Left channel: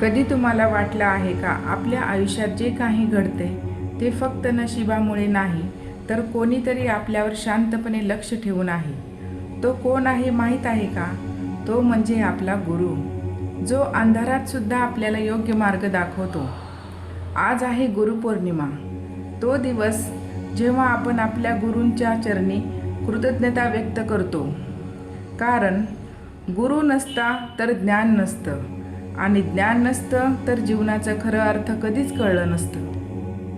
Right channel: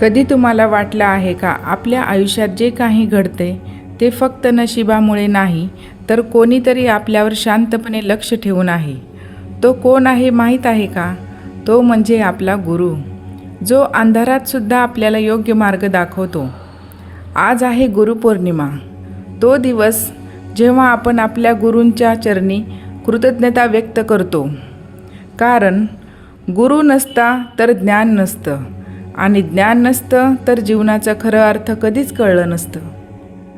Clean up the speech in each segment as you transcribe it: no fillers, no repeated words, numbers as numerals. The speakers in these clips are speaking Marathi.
कधी तुम्हाला वाटलं आहे का आपल्या आयुष्यात जे काही घडते ते फक्त नशिबामुळे नाही, तर कोणीतरी आपल्यावर शांतपणे लक्ष ठेवून आहे. तो कोण आहे माहीत आहे का? तो म्हणजे आपला गुरु, जो अंधारात सुद्धा आपल्याला योग्य मार्ग दाखवतो. आज आहे गुरुपौर्णिमा, तो दिवस जेव्हा आपण आपल्या गुरूंच्या चरणी कृतज्ञता व्यक्त करतो. कारण गुरु नसता तर ज्ञान नसतं, आणि ज्ञान नसतं तर जीवनाचा खरा अर्थ कधीच कळलं नसतं.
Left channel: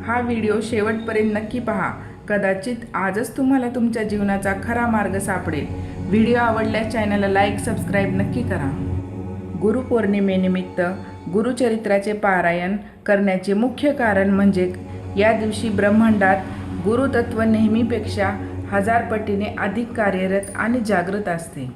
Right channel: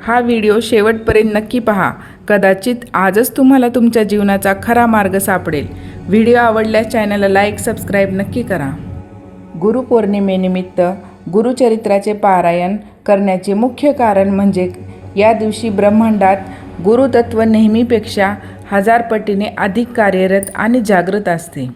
हा व्हिडिओ शेवटपर्यंत नक्की पहा. कदाचित आजच तुम्हाला तुमच्या जीवनाचा खरा मार्ग सापडेल. व्हिडिओ आवडल्यास चॅनलला लाईक, सबस्क्राईब नक्की करा. गुरुपौर्णिमेनिमित्त गुरुचरित्राचे पारायण करण्याचे मुख्य कारण म्हणजे या दिवशी ब्रह्मांडात गुरुतत्व नेहमीपेक्षा 1000 पटीने अधिक कार्यरत आणि जागृत असते.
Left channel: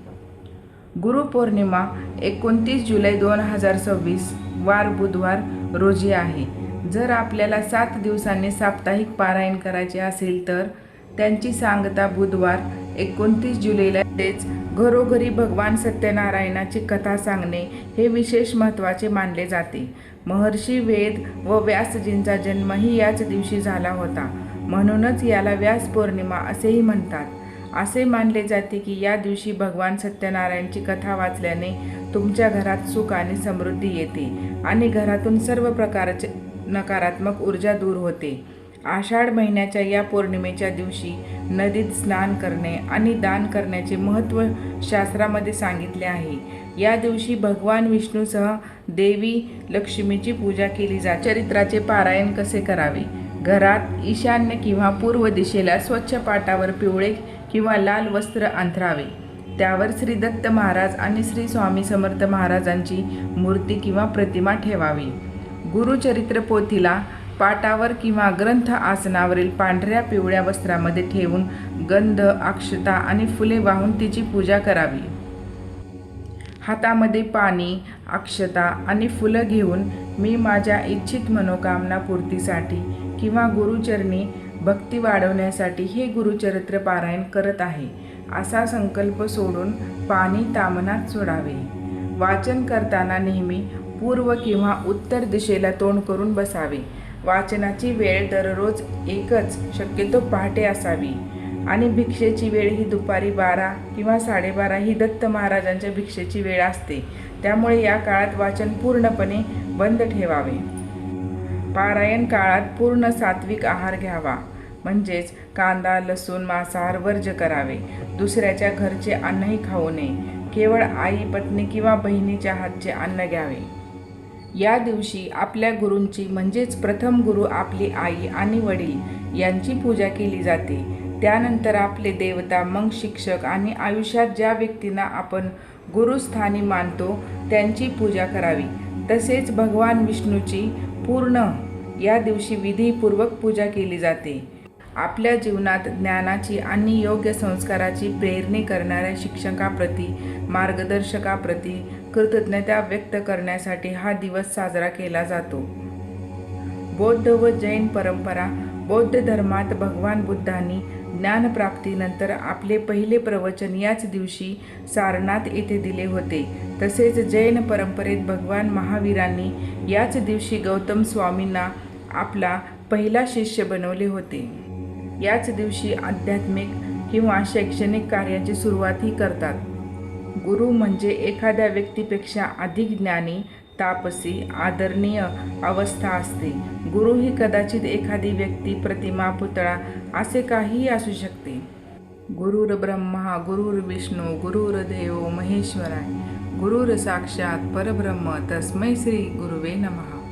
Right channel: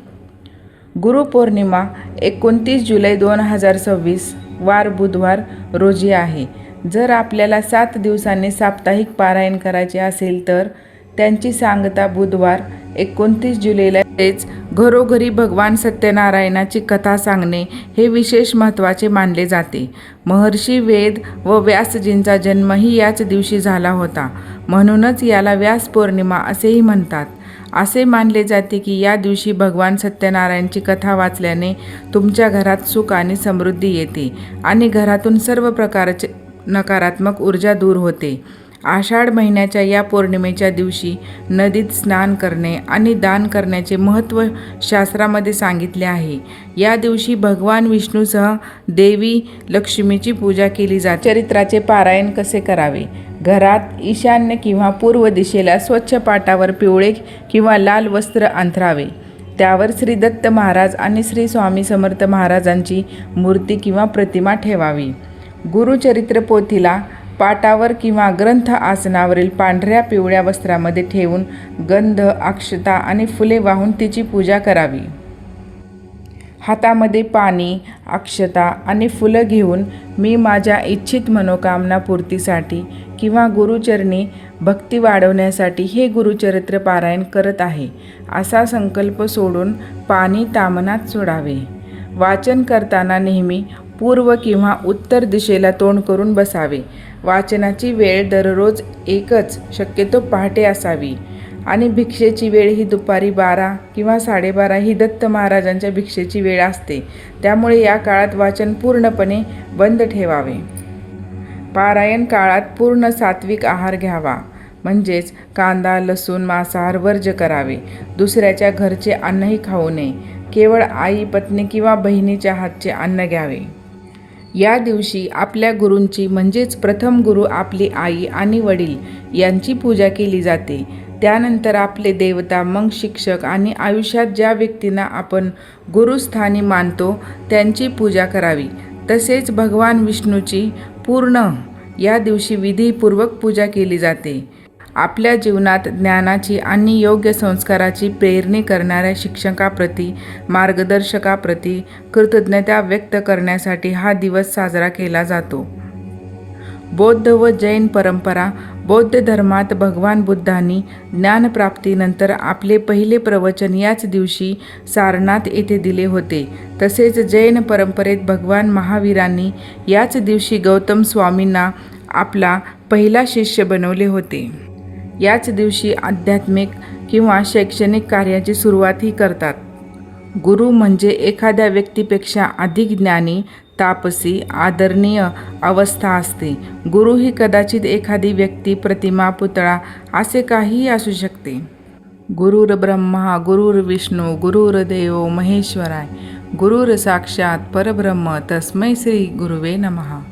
गुरुपौर्णिमा 29 जुलै 2026 वार बुधवार रोजी आहे. जर आपल्याला 7 दिवसांनी साप्ताहिक पारायण करायचे असेल तर त्यांची सांगता बुधवार 29 जुलैला तेच घरोघरी भगवान सत्यनारायणाची कथा सांगणे हे विशेष महत्त्वाचे मानले जाते. महर्षी वेद व व्यासजींचा जन्मही याच दिवशी झाला होता, म्हणूनच याला व्यास पौर्णिमा असेही म्हणतात. असे मानले जाते की या दिवशी भगवान सत्यनारायणची कथा वाचल्याने तुमच्या घरात सुख आणि समृद्धी येते आणि घरातून सर्व प्रकारचे नकारात्मक ऊर्जा दूर होते. आषाढ महिन्याच्या या पौर्णिमेच्या दिवशी नदीत स्नान करणे आणि दान करण्याचे महत्त्व शास्त्रामध्ये सांगितले आहे. या दिवशी भगवान विष्णूसह देवी लक्ष्मीची पूजा केली जाते. चरित्राचे पारायण कसे करावे? घरात ईशान्य किंवा पूर्व दिशेला स्वच्छ पाटावर पिवळे किंवा लाल वस्त्र अंथरावे. त्यावर श्री दत्त महाराज आणि श्री स्वामी समर्थ महाराजांची मूर्ती किंवा प्रतिमा ठेवावी. गुरुचरित्र पोथीला पाटावर किंवा ग्रंथ आसनावरील पांढऱ्या पिवळ्या वस्त्रामध्ये ठेवून गंध, अक्षता आणि फुले वाहून तिची पूजा करावी. हातामध्ये पाणी, अक्षता आणि फुलं घेऊन मी माझ्या इच्छित मनोकामना पूर्तीसाठी किंवा गुरुचरणी भक्ती वाढवण्यासाठी हे गुरुचरित्र पारायण करत आहे असा संकल्प सोडून पाणी तामनात सोडावे. वाचन करताना नेहमी पूर्व किंवा उत्तर दिशेला तोंड करून बसावे. वाचनाची वेळ दररोज एकच, शक्यतो पहाटे असावी. आणि भिक्षेची वेळ ही दुपारी 12 किंवा 12:30 ही दत्त महाराजांच्या भिक्षेची वेळ असते. त्यामुळे या काळात वाचन पूर्णपणे बंद ठेवावे. पारायण काळात पूर्ण सात्विक आहार घ्यावा, म्हणजेच कांदा, लसूण, मांसाहार वर्ज्य करावे. दुसऱ्याच्या घरचे अन्नही खाऊ नये. केवळ आई, पत्नी किंवा बहिणीच्या हातचे अन्न घ्यावे. या दिवशी आपल्या गुरूंची म्हणजेच प्रथम गुरु आपली आई आणि वडील यांची पूजा केली जाते. त्यानंतर आपले देवता, मग शिक्षक आणि आयुष्यात ज्या व्यक्तींना आपण गुरुस्थानी मानतो त्यांची पूजा करावी. तसेच भगवान विष्णूची पूर्ण या दिवशी विधीपूर्वक पूजा केली जाते. आपल्या जीवनात ज्ञानाची आणि योग्य संस्काराची प्रेरणी करणाऱ्या शिक्षकाप्रती, मार्गदर्शकाप्रती कृतज्ञता व्यक्त करण्यासाठी हा दिवस साजरा केला जातो. बौद्ध व जैन परंपरा. बौद्ध धर्मात भगवान बुद्धांनी ज्ञानप्राप्तीनंतर आपले पहिले प्रवचन याच दिवशी सारनाथ येथे दिले होते. तसेच जैन परंपरेत भगवान महावीरांनी याच दिवशी गौतम स्वामींना आपला पहिला शिष्य बनवले होते. याच दिवशी आध्यात्मिक किंवा शैक्षणिक कार्याची सुरुवातही करतात. गुरु म्हणजे एखाद्या व्यक्तीपेक्षा अधिक ज्ञानी, तापसी, आदरणीय अवस्था असते. गुरु ही कदाचित एखादी व्यक्ती, प्रतिमा, पुतळा असे काहीही असू शकते. गुरुर् ब्रह्मा गुरुर्विष्णू गुरुर्देव महेश्वराय गुरुर् साक्षात परब्रह्म तस्मै श्री गुरुवे नमः.